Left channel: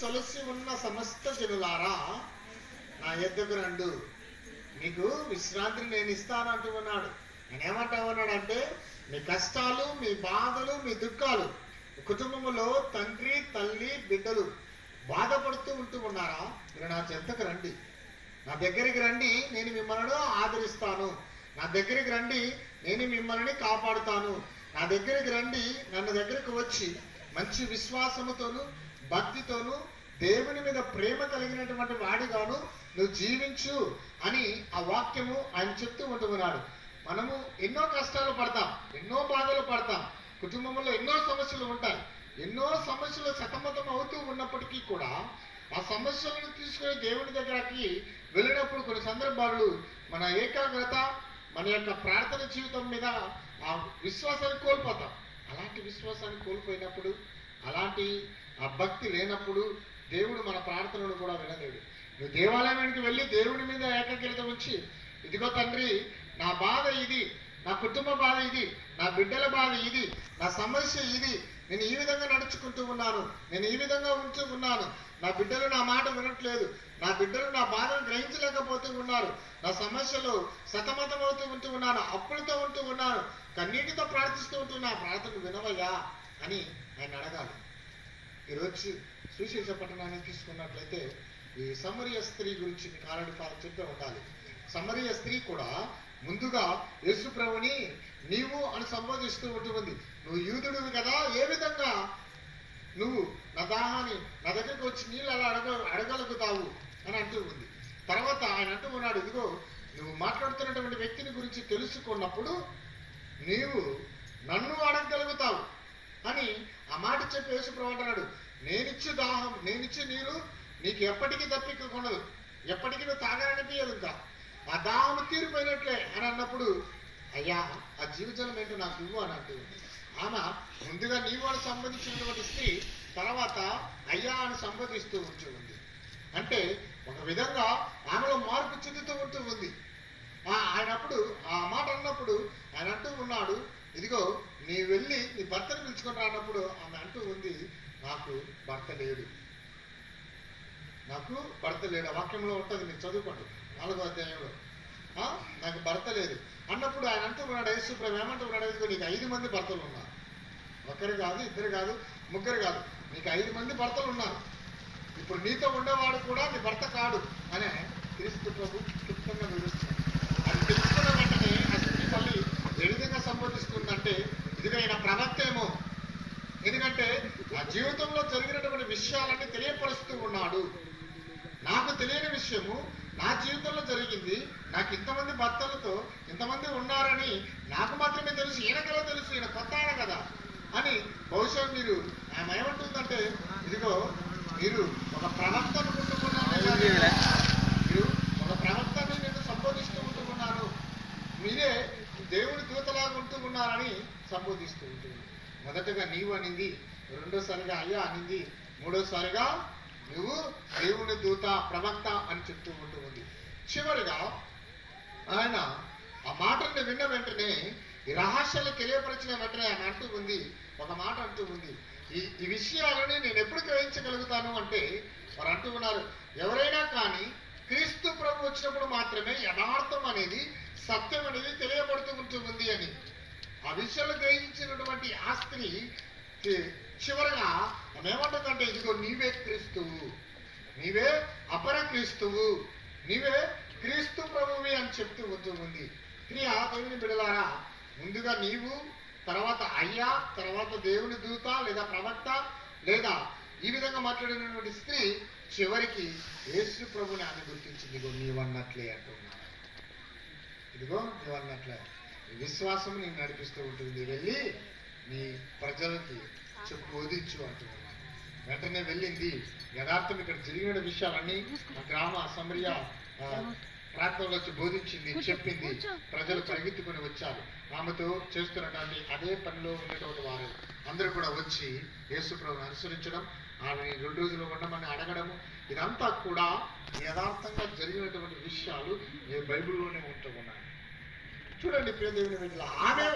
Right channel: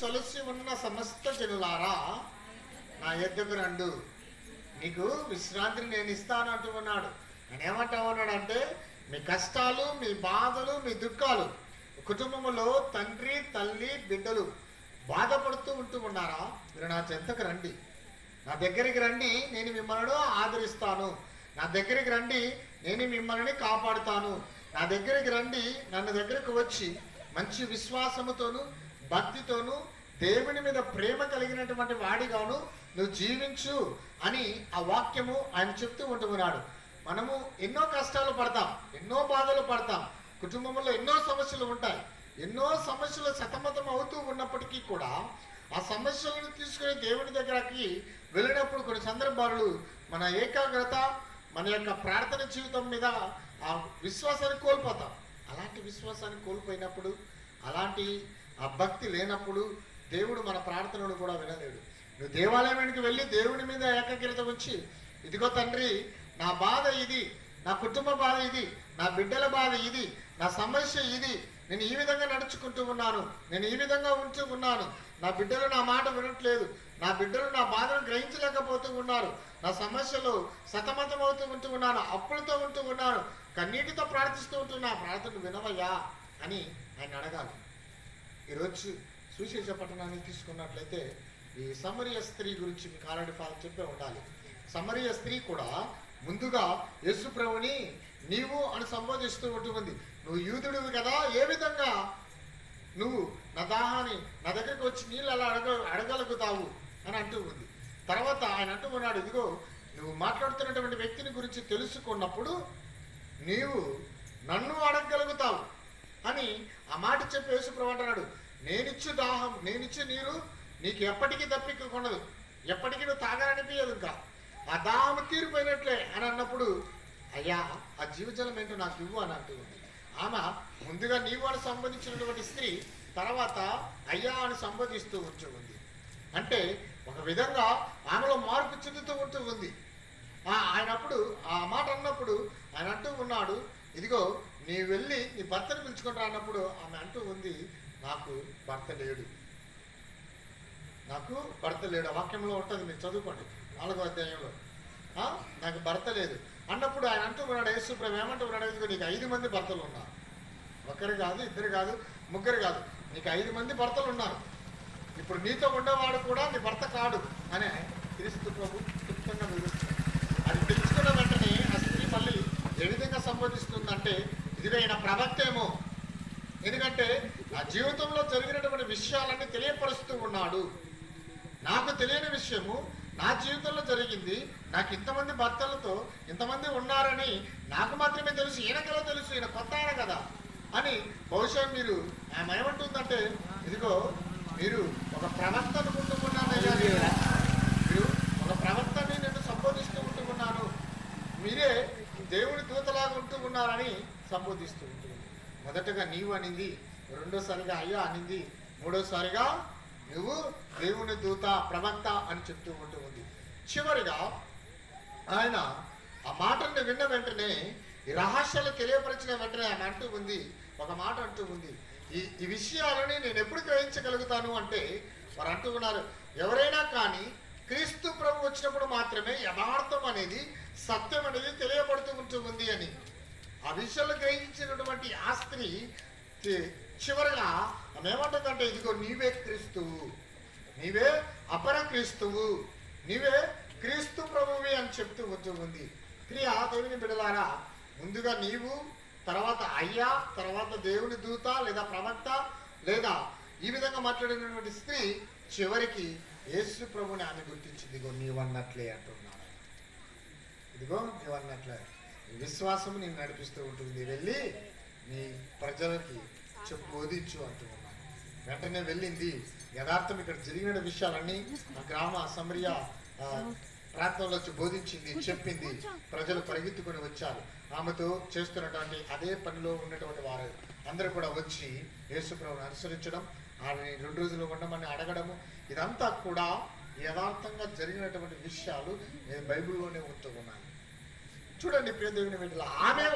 సొలసి ఉన్న సమస్త జనులారా నా యొద్దకు రండు, మీకు విశ్రాంతిని నేను ఇస్తాను అంటూ ఉన్నాడు. నేను ఏమంటా ఉన్నాడు అంటే, మీ కష్టాలు, మీ బాధలు, మీ దుఃఖాలు, కుటుంబంలో తండ్రి తల్లి బిడ్డలు బాధపడుతూ ఉంటూ ఉన్నారా, మీరు నా చెంతకు రండి, నా దగ్గరికి రండి, నేను మిమ్మల్ని ఆదరిస్తాను, నా దగ్గరికి రండి, నేను మిమ్మల్ని కాపాడుతాను, నా దగ్గరికి రండి, నన్ను దగ్గరకు వచ్చి మంచి విశ్వాసముతోను భక్తితోను దేవుని మీద ప్రేమ కలిగినటువంటి వాడిగాను నువ్వు జీవించు అని ఆ వాక్యము ఆయన చెప్తూ ఉంటున్నాడు. మనము ఎన్నో కష్టాలు పడతాం, ఎన్నో బాధలు పడతాం, కుటుంబంలో ఎన్నో సమస్యలు ఉంటాయి. ఎన్నో సమస్యలు సతమతం అవుతూ ఉన్నప్పటికీ కూడా ఆ సమస్యలను తీసుకుని దేవుని దగ్గరకి వెళ్ళినప్పుడు కొన్ని సందర్భాలు మన ఏకాగ్రత, మన యొక్క ప్రార్థన జీవితం మీద ఆ విశ్వాసాన్ని కోల్పోతాం. అలాంటి విశ్వాసాన్ని కోల్పోయినప్పుడు, అలాంటి ఆ భక్తి లేనప్పుడు దేవుడు మన ప్రార్థనలు కూడా వినలేడు. నువ్వు దేవాలయానికి వెళ్ళి దేవుని మీద ఏకాగ్రత ఉంచి, ఇదిగో తండ్రి నా బాధ ఇది, నా కుటుంబ బాధ ఇది, నా బిడ్డల బాధ ఇది, నా సమస్య ఇది, నేను ఈ విధంగా నడుచుకుంటూ ఉన్నాను, నేను ఈ విధంగా ఉంటూ ఉన్నాను, నా బిడ్డలు నా మాట వినట్లేదు, నా బిడ్డలు నా బాధను గ్రహించలేకపోతూ ఉన్నారు, నా సమస్యలు సతమతం అవుతూ ఉంటూ ఉన్నాను, అప్పులతో ఉంటూ ఉన్నాను, కన్నీటితో ప్రార్థిస్తూ ఉంటూ నా ప్రార్థనలు వినవయ్యా అని ఆయన అడగాలి. ఈరోజు సువిశేష పట్టణాన్ని తీసుకున్నట్లయితే ఈ సమరయ స్త్రీ గురించి మీకు ఆల్రెడీ చెప్పే ఉండాలి. సమరయ స్త్రీ కూడా ముందుగా యేసు ప్రభుని నీవు అని సంబోధిస్తూ ఉంటుంది. నువ్వు యూదుడివి కదా, ఏ విధంగా నువ్వు నా దాహాన్ని నా దగ్గరికి వచ్చి నీళ్ళు అలా అడగలుగుతావు అని అంటూ ఉంది. తర్వాత ఆయన అంటూ ఉన్నాడు, ఇదిగో నువ్వు మాట్లాడుతున్నటువంటి వ్యక్తిని గురించి తెలుసుకున్నప్పుడు నీవు నన్ను అడగగలుగుతావు అని ఆ మాట చెప్పి యేసు ప్రభు అంటున్నాడు, నేనిచ్చు దాహం, నేనిచ్చు నీరు నీకు ఎప్పటికీ తప్పికొనదు, ఎప్పటికీ నువ్వు తాగాలనిపించదు, ఇంకా ఆ దాహం తీరిపోయినట్లే అని అన్నప్పుడు, అయ్యా ఆ జీవజలం ఏంటో నాకు ఇవ్వు అని అంటూ ఉంది. ఆమె ముందుగా నీవు అని సంబోధించినటువంటి స్త్రీ తర్వాత అయ్యా అని సంబోధిస్తూ ఉంటూ ఉంది. అంటే ఒక విధంగా ఆమెలో మార్పు చెందుతూ ఉంటూ ఉంది. ఆయన అప్పుడు ఆ మాట అన్నప్పుడు ఆయన అంటూ ఉన్నాడు, ఇదిగో నీ వెళ్ళి నీ భర్తను పిలుచుకుంటా అన్నప్పుడు ఆమె అంటూ ఉంది, నాకు భర్త లేడు, నాకు భర్త లేడు. ఆ వాక్యంలో ఉంటుంది, మీరు చదువుకోండి 4వ అధ్యాయంలో. నాకు భర్త లేదు అన్నప్పుడు ఆయన అంటూ ఉన్నాడు, యేసు ప్రభు ఏమంటూ ఉన్నాడు, నీకు 5 మంది భర్తలు ఉన్నారు, ఒకరు కాదు, ఇద్దరు కాదు, ముగ్గురు కాదు, నీకు 5 మంది భర్తలు ఉన్నారు, ఇప్పుడు నీతో ఉండేవాడు కూడా నీ భర్త కాడు అనే క్రీస్తు ప్రభు చెప్తున్న వివరిస్తుంది. అది తెలుసుకున్న వెంటనే ఆ స్త్రీ మళ్ళీ ఏ విధంగా సంబోధిస్తుందంటే, ఇదిగా ఆయన ప్రవక్తేమో, ఎందుకంటే నా జీవితంలో జరిగినటువంటి విషయాలన్నీ తెలియపరుస్తూ ఉన్నాడు, నాకు తెలియని విషయము నా జీవితంలో జరిగింది, నాకు ఇంతమంది భర్తలతో ఇంతమంది ఉన్నారని నాకు మాత్రమే తెలుసు, ఈయనకెలా తెలుసు, ఈయన కొత్త ఆయన కదా అని. బహుశా మీరు ఆమె ఏమంటుందంటే, ఇదిగో మీరు ఒక ప్రవక్త అనుకుంటున్నాను, మీరు ఒక ప్రవక్తని నేను సంబోధిస్తూ ఉంటున్నాను, మీరే దేవుడి దూతలాగా ఉంటూ ఉన్నారని సంబోధిస్తూ ఉంటుంది. మొదటగా నీవు అనింది, రెండోసారిగా అయ్యా అనింది, మూడోసారిగా నువ్వు దేవుని దూత ప్రవక్త అని చెప్తూ ఉంటూ ఉంది. చివరిగా ఆయన ఆ మాటల్ని విన్న వెంటనే, ఈ రహస్యాలు తెలియపరిచిన వెంటనే ఆయన అంటూ ఉంది, ఒక మాట అంటూ ఉంది, ఈ విషయాలని నేను ఎప్పుడు గ్రహించగలుగుతాను అంటే, వారు అంటూ ఉన్నారు, ఎవరైనా కానీ క్రీస్తు ప్రభు వచ్చినప్పుడు మాత్రమే యథార్థం అనేది, సత్యం అనేది తెలియబడుతూ ఉంటుంది అని. ఆ విషయాలు గ్రహించినటువంటి ఆ స్త్రీ చివరగా ఏమంటుందంటే, ఇదిగో నీవే క్రీస్తువు, నీవే అపర క్రీస్తువు, నీవే క్రీస్తు ప్రభువి అని చెప్తూ వస్తూ ఉంది. ప్రియ దేవుని బిడ్డలారా, ముందుగా నీవు, తర్వాత అయ్యా, తర్వాత దేవుని దూత లేదా ప్రవక్త లేదా ఈ విధంగా మాట్లాడినటువంటి స్త్రీ చివరికి యేసు ప్రభుని ఆమె గుర్తించింది, ఇదిగో నీవన్నట్లే అంటున్నాడు. ఇదిగో నీవన్నట్లే విశ్వాసం నేను నడిపిస్తూ ఉంటుంది, వెళ్ళి నీ ప్రజలకి చెప్పు బోధించు అంటున్నాను. వెంటనే వెళ్ళింది. యథార్థం ఇక్కడ జరిగిన విషయాలన్నీ ఆ గ్రామ సమరయ ప్రాంతంలో వచ్చి బోధించింది, చెప్పింది. ప్రజలు పరిగెత్తుకొని వచ్చారు. ఆమెతో చేస్తున్నటువంటి అదే పనిలో ఉన్నటువంటి వారు అందరూ కూడా వచ్చి యేసు ప్రభువును అనుసరించడం, ఆమెని 2 రోజులు ఉండమని అడగడము, ఇదంతా కూడా యథార్థంగా జరిగినటువంటి విషయాలు బైబిల్లోనే ఉంటూ ఉన్నాయి. చూడండి ప్రియ దేవుని బిడ్డలారా, ఆమె